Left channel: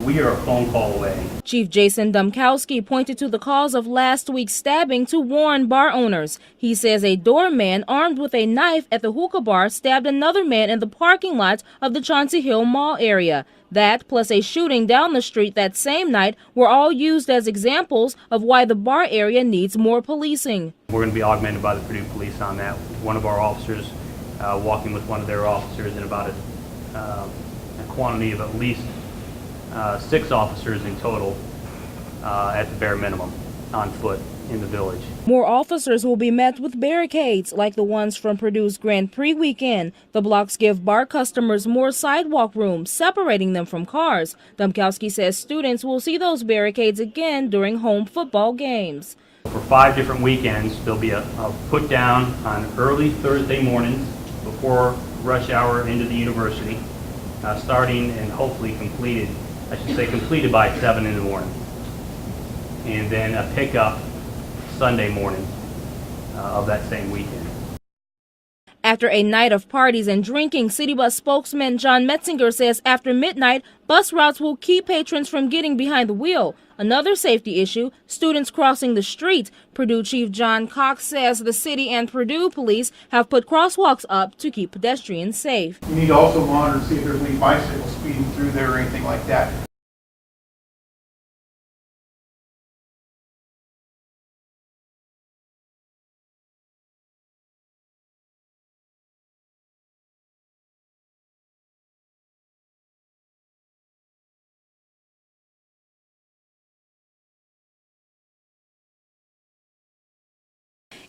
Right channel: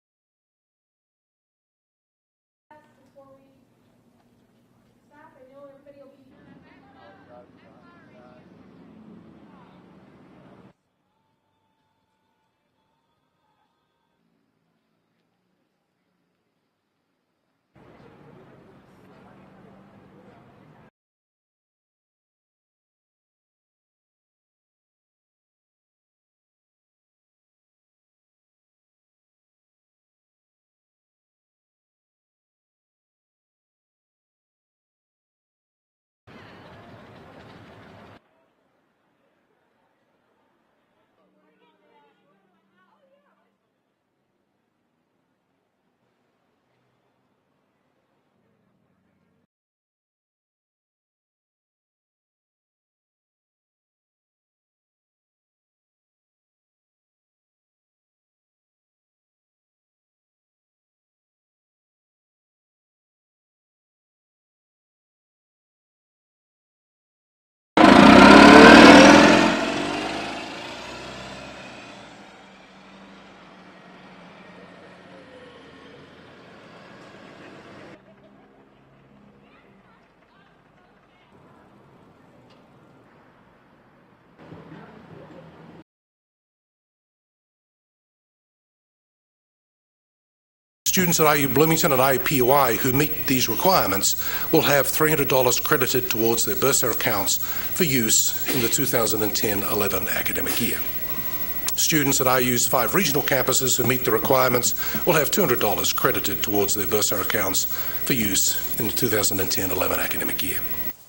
We are a phone call away. Chief Jason Dumkowski pointed to the cause of last week's stabbing to warn bar owners. He says a doorman armed with a knife at the hookah bar stabbed another man in the parking lot of the Chauncey Hill Mall area. That, plus a shooting down the street that same night, were all used as examples of why the bar area needs more policing. We're going to be augmented by the Purdue Police on that. One of our officers walking with one of their officers, and about a quantity of at least 6 officers in total at the bare minimum on foot in the village. More officers will be met with barricades like the ones from Purdue's Grand Prix weekend. The blocks give bar customers more sidewalk room, separating them from cars. Dumkowski says students will see those barricades again during home football games. For 5 different weekends, there'll be a put down on early Thursday mornings before rush hour into the university, starting and hopefully completed, I should say completed by 7 in the morning. And then a pickup Sunday morning of that same weekend. After a night of parties and drinking, City Bus spokesman John Metzinger says after midnight, bus routes will keep patrons from getting behind the wheel. Another safety issue, students crossing the street. Purdue Chief John Cox says the city and Purdue police have put crosswalks up to keep pedestrians safe. We need to also monitor to see if there's any bicycles speeding through there or anything like that. Students at IU Bloomington and IUPUI who meet these requirements will have $300 credited towards their bursar accounts for use in the 2010-11 academic year. Students at IU's 5 regional campuses who meet the requirements will have $200 credited towards their bursar accounts for use in the 2010-11 academic year.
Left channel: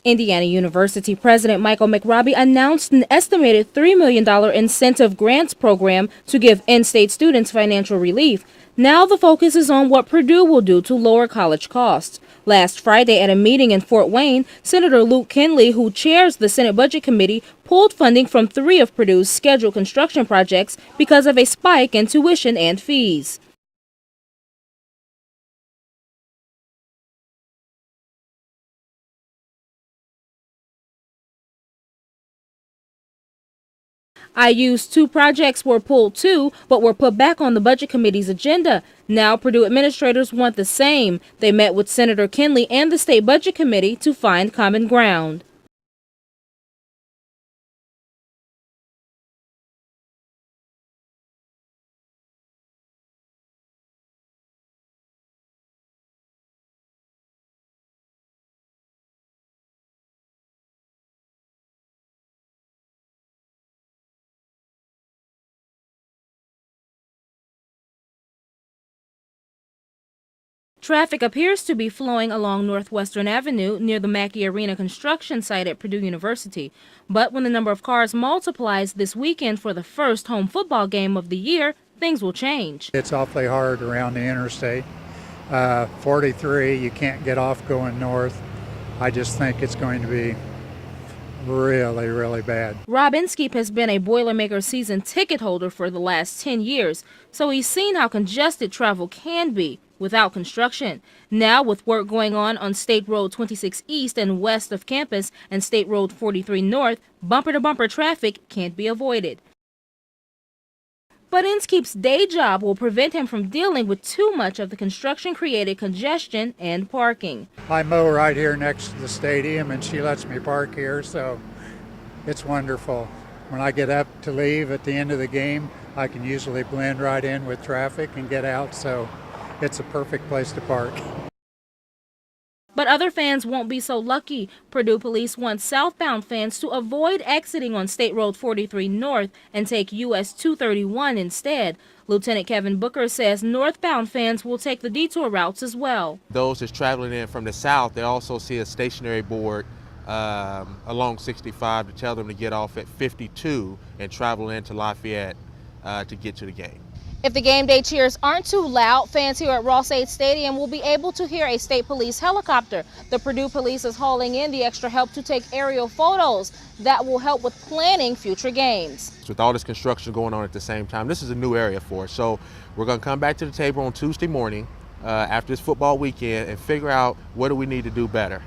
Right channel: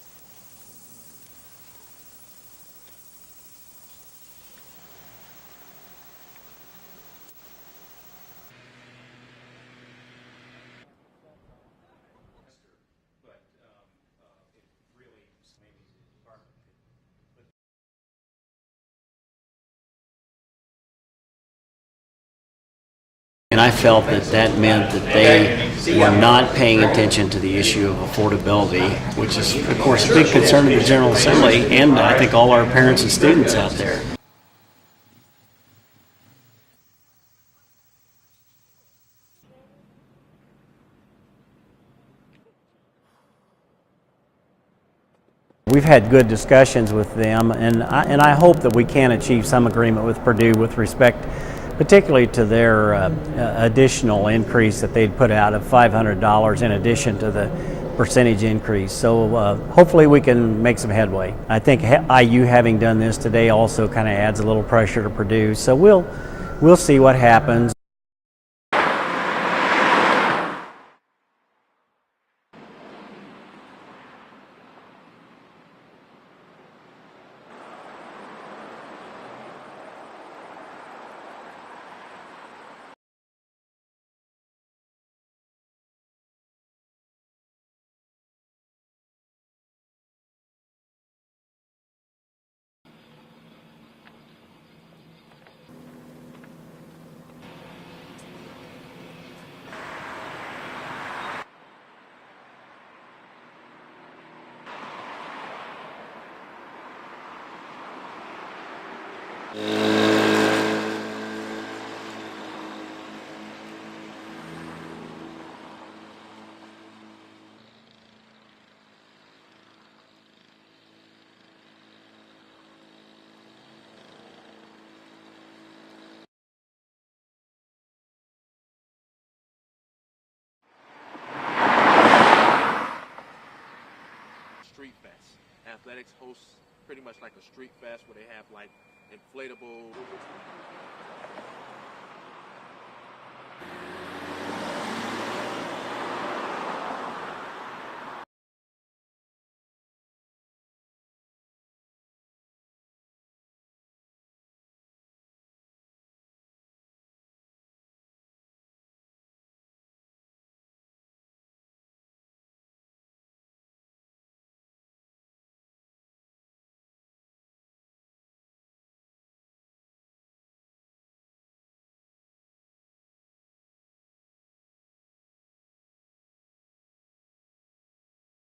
Indiana University President Michael McRobbie announced an estimated $3 million incentive grants program to give in-state students financial relief. Now the focus is on what Purdue will do to lower college costs. Last Friday at a meeting in Fort Wayne, Senator Luke Kinley, who chairs the Senate Budget Committee, pulled funding from 3 of Purdue's scheduled construction projects because of a spike in tuition and fees. And I felt that meant that they were not paying attention to the issue of affordability, which is, of course, a big concern of the General Assembly and I think all our parents and students out there. IU's 2 projects were pulled too, but were put back on the Budget Committee's agenda. Now Purdue administrators want the same. They met with Senator Kinley and the State Budget Committee to find common ground. We've had good discussions with them, and I hope that we can achieve some agreement with Purdue with respect particularly to their additional increase that they'd put out of $500 in addition to the percentage increase. So hopefully we can make some headway. I think IU having done this today also kind of adds a little pressure to Purdue. So we'll see what happens. Traffic appears to be flowing along Northwestern Avenue near the Mackey Arena construction site at Purdue University. But when the number of cars multiplies this weekend for the first home football game of the year, things will change. It's awfully hard around the interstate. 43, you can't get off going north. I just think it's going to be really, really bad. Rob Inskeep has been a Boilermaker season ticket holder for the last 10 years, so he's seen how congested travel can be without construction. Now, with work going on State Road 26 East and west of campus and State Road 43 North, bumper-to-bumper traffic can't be avoided. But Inskeep's day job will prevent him from dealing with too much of the construction-created congestion and parking. I mow right here next to the stadium, and she lets me park here, so it's wonderful. When I get up to leave at the end of the game, I can usually blend right in with traffic and get out, so it's a perfect place to park. But other fans won't be so lucky. Purdue police want southbound fans to avoid exiting on State Road 43 North and take US 231 instead. Lieutenant Kevin Booker says northbound fans will take the detour routes as well. Those that's traveling in from the south, they also see a stationary board along 65 to tell them to get off at 52 and travel into Lafayette to get to the game. If the game day cheers aren't too loud, fans here at Ross-Ade Stadium will be able to hear a state police helicopter. The Purdue police is hauling in the extra help to take aerial photos that will help with planning future games. With all this construction going on at the same time, this is a new area for us. So we're going to come back to the table on Tuesday morning after this football weekend and figure out what do we need to do better.